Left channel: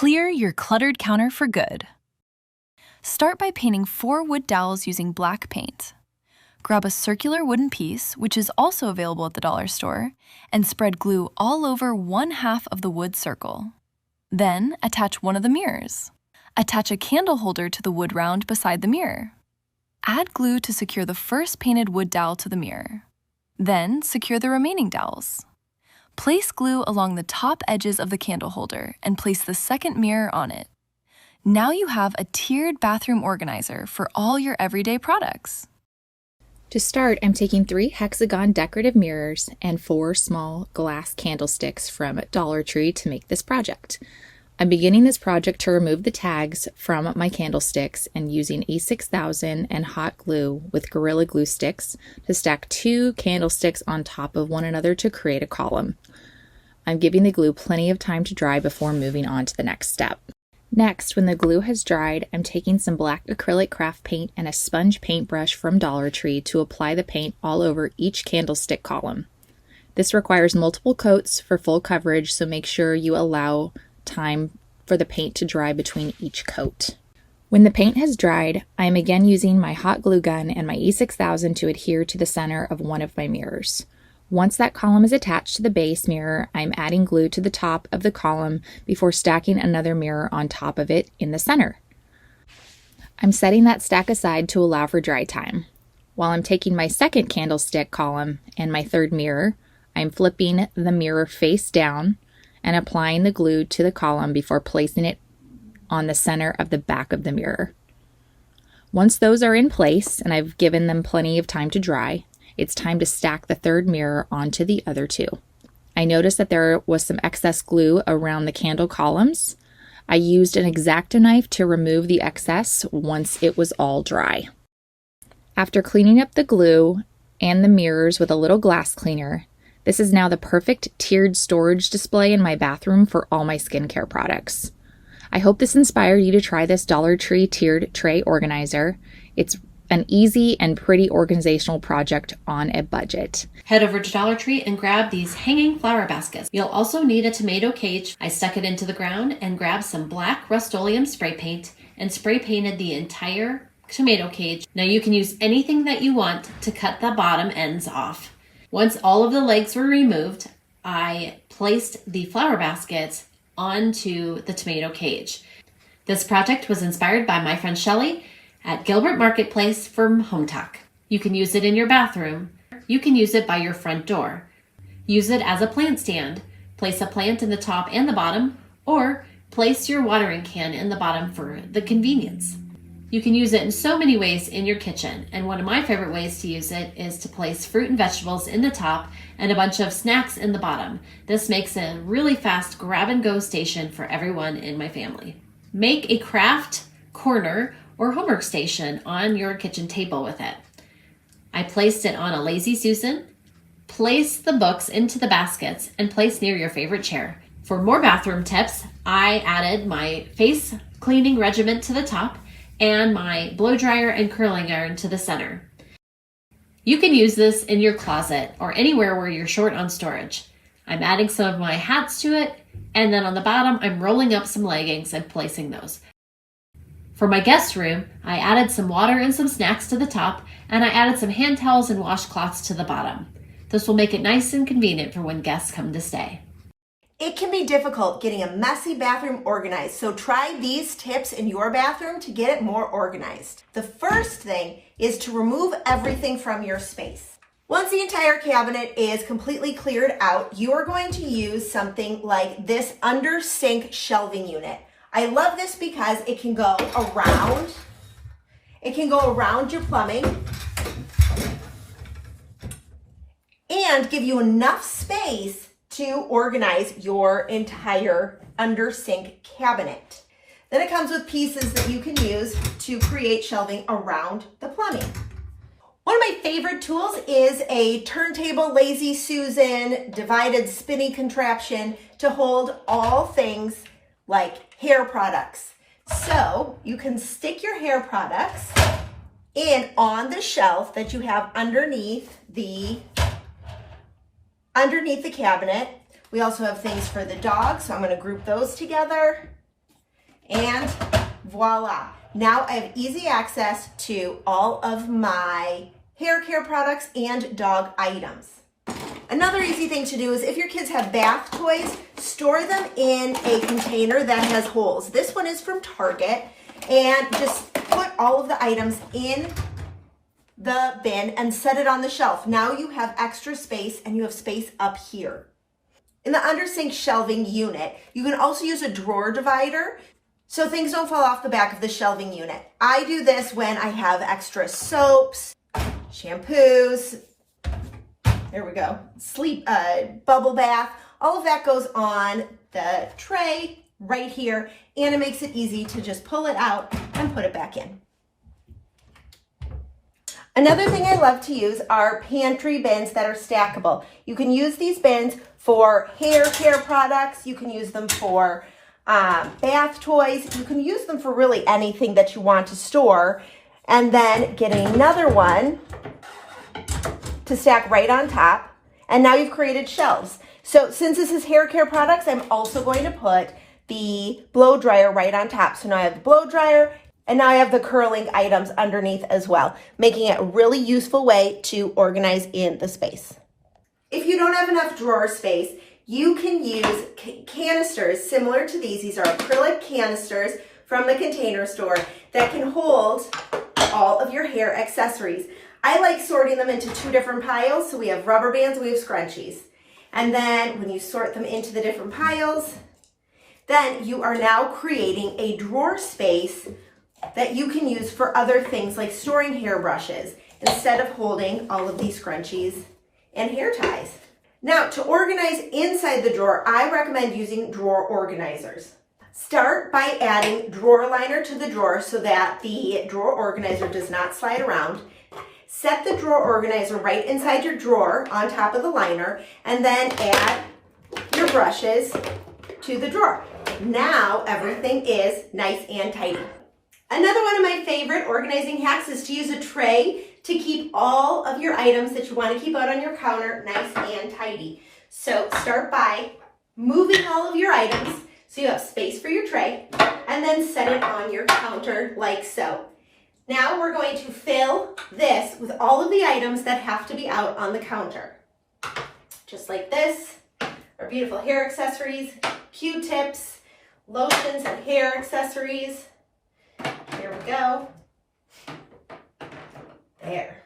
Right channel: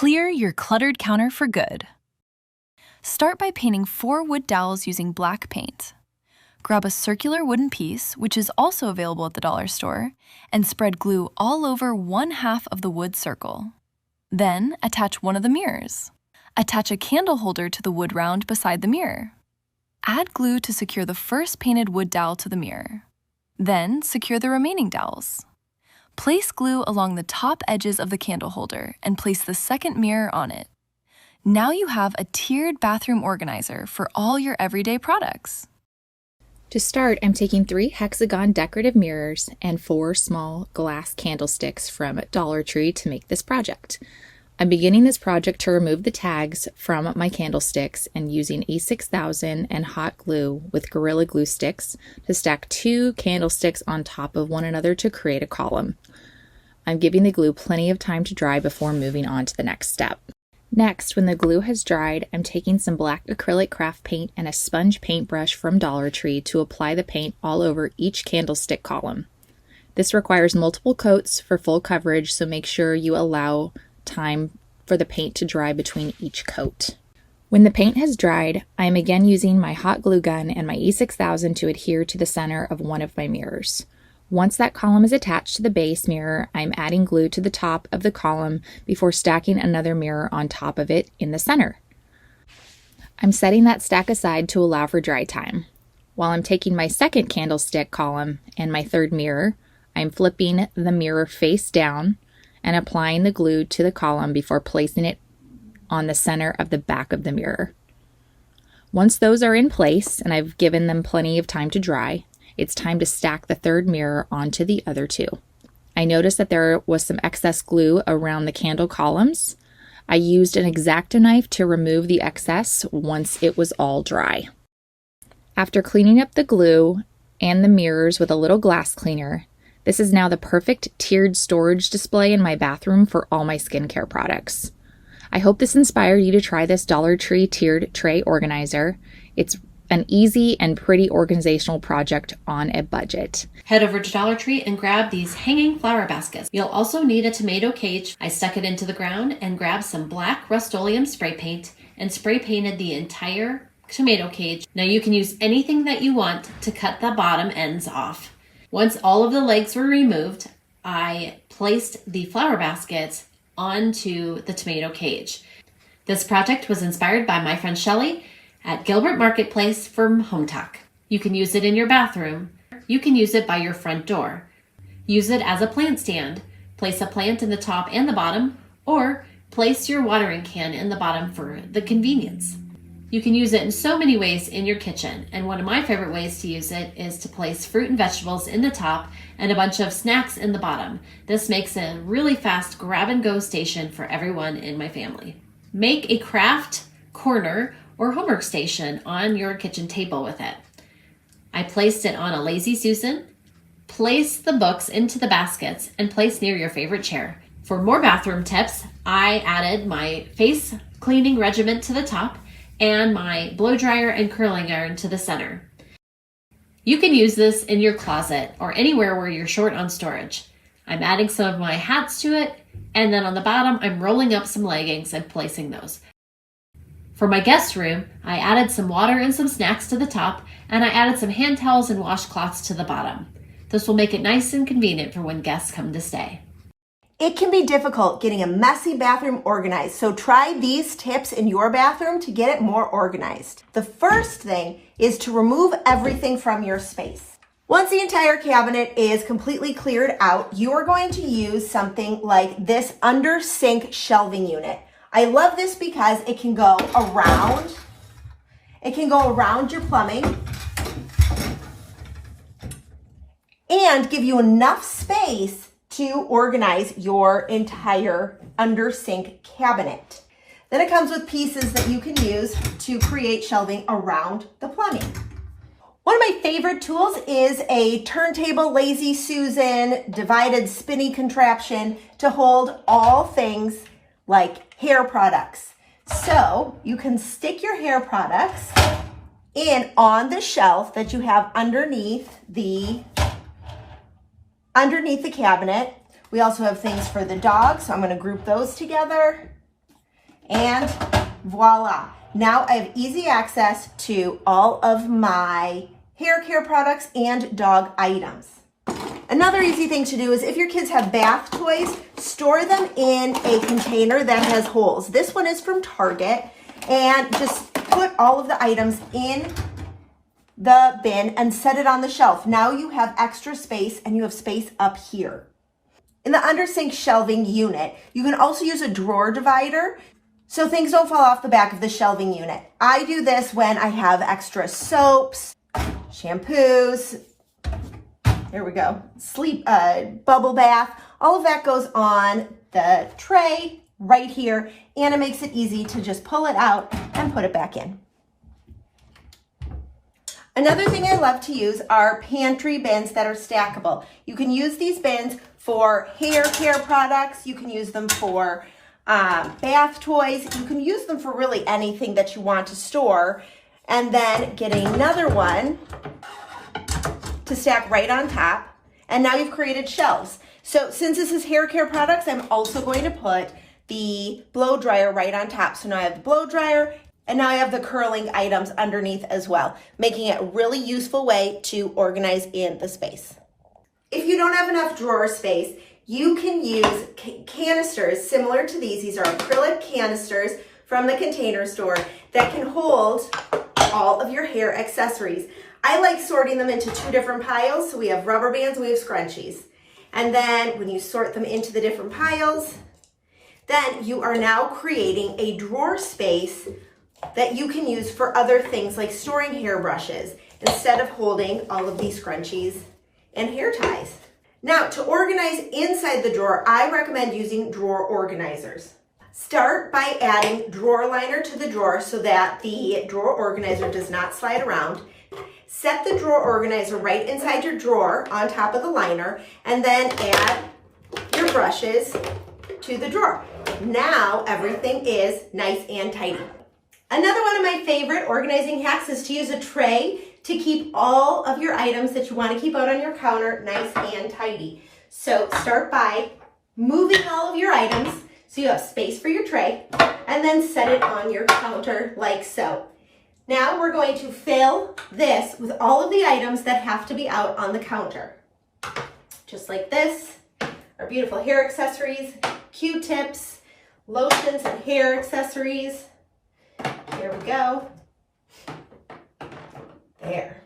Clear your cluttered counter for good. Start by painting 4 wood dowels using black paint. Grab a circular wooden piece, which is also available at the dollar store, and spread glue all over 1/2 of the wood circle. Then attach one of the mirrors. Attach a candle holder to the wood round beside the mirror. Add glue to secure the first painted wood dowel to the mirror. Then secure the remaining dowels. Place glue along the top edges of the candle holder and place the second mirror on it. Now you have a tiered bathroom organizer for all your everyday products. To start, I'm taking 3 hexagon decorative mirrors and 4 small glass candlesticks from Dollar Tree to make this project. I'm beginning this project to remove the tags from my candlesticks and using E6000 and hot glue with Gorilla Glue sticks to stack 2 candlesticks on top of one another to create a column. I'm giving the glue plenty of time to dry before moving on to the next step. Next, when the glue has dried, I'm taking some black acrylic craft paint and a sponge paintbrush from Dollar Tree to apply the paint all over each candlestick column. This requires multiple coats for full coverage, so make sure you allow time for the paint to dry between each coat. When the paint has dried, I am again using my hot glue gun and my E6000 to adhere to the center of one of my mirrors. Once that column is attached to the base mirror, I'm adding glue to the top of the column before stacking another mirror on top of it in the center. I'm setting that stack aside to allow for dry time. While I'm taking my second candlestick column and my third mirror, I'm flipping the mirror face down and applying the glue to the column before placing it on the center of the back of the mirror. Once those are in place and I've given them plenty of time to dry, it's time to stack the third mirror onto the other 2. I noticed that there was some excess glue around the candle columns. I used an X-Acto knife to remove the excess once it was all dry. After cleaning up the glue and the mirrors with a little glass cleaner, this is now the perfect tiered storage display in my bathroom for all my skincare products. I hope this inspired you to try this Dollar Tree tiered tray organizer. It's an easy and pretty organizational project on a budget. Head over to Dollar Tree and grab these hanging flower baskets. You'll also need a tomato cage. I stuck it into the ground and grabbed some black Rust-Oleum spray paint and spray painted the entire tomato cage. Now you can use anything that you want to cut the bottom ends off. Once all of the legs were removed, I placed the flower baskets onto the tomato cage. This project was inspired by my friend Shelly at Gilbert Marketplace from Home Talk. You can use it in your bathroom. You can use it by your front door. Use it as a plant stand. Place a plant in the top and the bottom, or place your watering can in the bottom for the convenience. You can use it in so many ways in your kitchen, and one of my favorite ways to use it is to place fruit and vegetables in the top and a bunch of snacks in the bottom. This makes a really fast grab-and-go station for everyone in my family. Make a craft corner or homework station on your kitchen table with it. I placed it on a Lazy Susan. Place the books into the baskets and place near your favorite chair. For more bathroom tips, I added my face cleaning regimen to the top and my blow dryer and curling iron to the center. You can use this in your closet or anywhere where you're short on storage. I'm adding some of my hats to it, and then on the bottom, I'm rolling up some leggings and placing those. For my guest room, I added some water and some snacks to the top, and I added some hand towels and washcloths to the bottom. This will make it nice and convenient for when guests come to stay. It can be difficult getting a messy bathroom organized, so try these tips in your bathroom to get it more organized. The first thing is to remove everything from your space. Once the entire cabinet is completely cleared out, you are going to use something like this under sink shelving unit. I love this because it can go around. It can go around your plumbing and give you enough space to organize your entire under sink cabinet. Then it comes with pieces that you can use to create shelving around the plumbing. One of my favorite tools is a turntable Lazy Susan divided spinny contraption to hold all things like hair products. So you can stick your hair products in on the shelf that you have underneath the cabinet. We also have things for the dog, so I'm going to group those together. And voila. Now I have easy access to all of my hair care products and dog items. Another easy thing to do is if your kids have bath toys, store them in a container that has holes. This one is from Target, and just put all of the items in the bin and set it on the shelf. Now you have extra space and you have space up here. In the under sink shelving unit, you can also use a drawer divider so things don't fall off the back of the shelving unit. I do this when I have extra soaps, shampoos, there we go, bubble bath. All of that goes on the tray right here, and it makes it easy to just pull it out and put it back in. Another thing I love to use are pantry bins that are stackable. You can use these bins for hair care products. You can use them for bath toys. You can use them for really anything that you want to store. And then get another one to stack right on top. And now you've created shelves. So since this is hair care products, I'm also going to put the blow dryer right on top. So now I have the blow dryer, and now I have the curling items underneath as well, making it a really useful way to organize in the space. If you don't have enough drawer space, you can use canisters similar to these. These are acrylic canisters from the Container Store that can hold all of your hair accessories. I like sorting them into 2 different piles. So we have rubber bands, we have scrunchies. And then when you sort them into the different piles, then you are now creating a drawer space that you can use for other things like storing hairbrushes instead of holding all of these scrunchies and hair ties. Now, to organize inside the drawer, I recommend using drawer organizers. Start by adding drawer liner to the drawer so that the drawer organizer does not slide around. Set the drawer organizer right inside your drawer on top of the liner, and then add your brushes to the drawer. Now everything is nice and tidy. Another one of my favorite organizing hacks is to use a tray to keep all of your items that you want to keep out on your counter nice and tidy. So start by moving all of your items so you have space for your tray, and then set it on your counter like so. Now we're going to fill this with all of the items that have to be out on the counter. Just like this, our beautiful hair accessories, Q-tips, lotions and hair accessories. Here we go. There.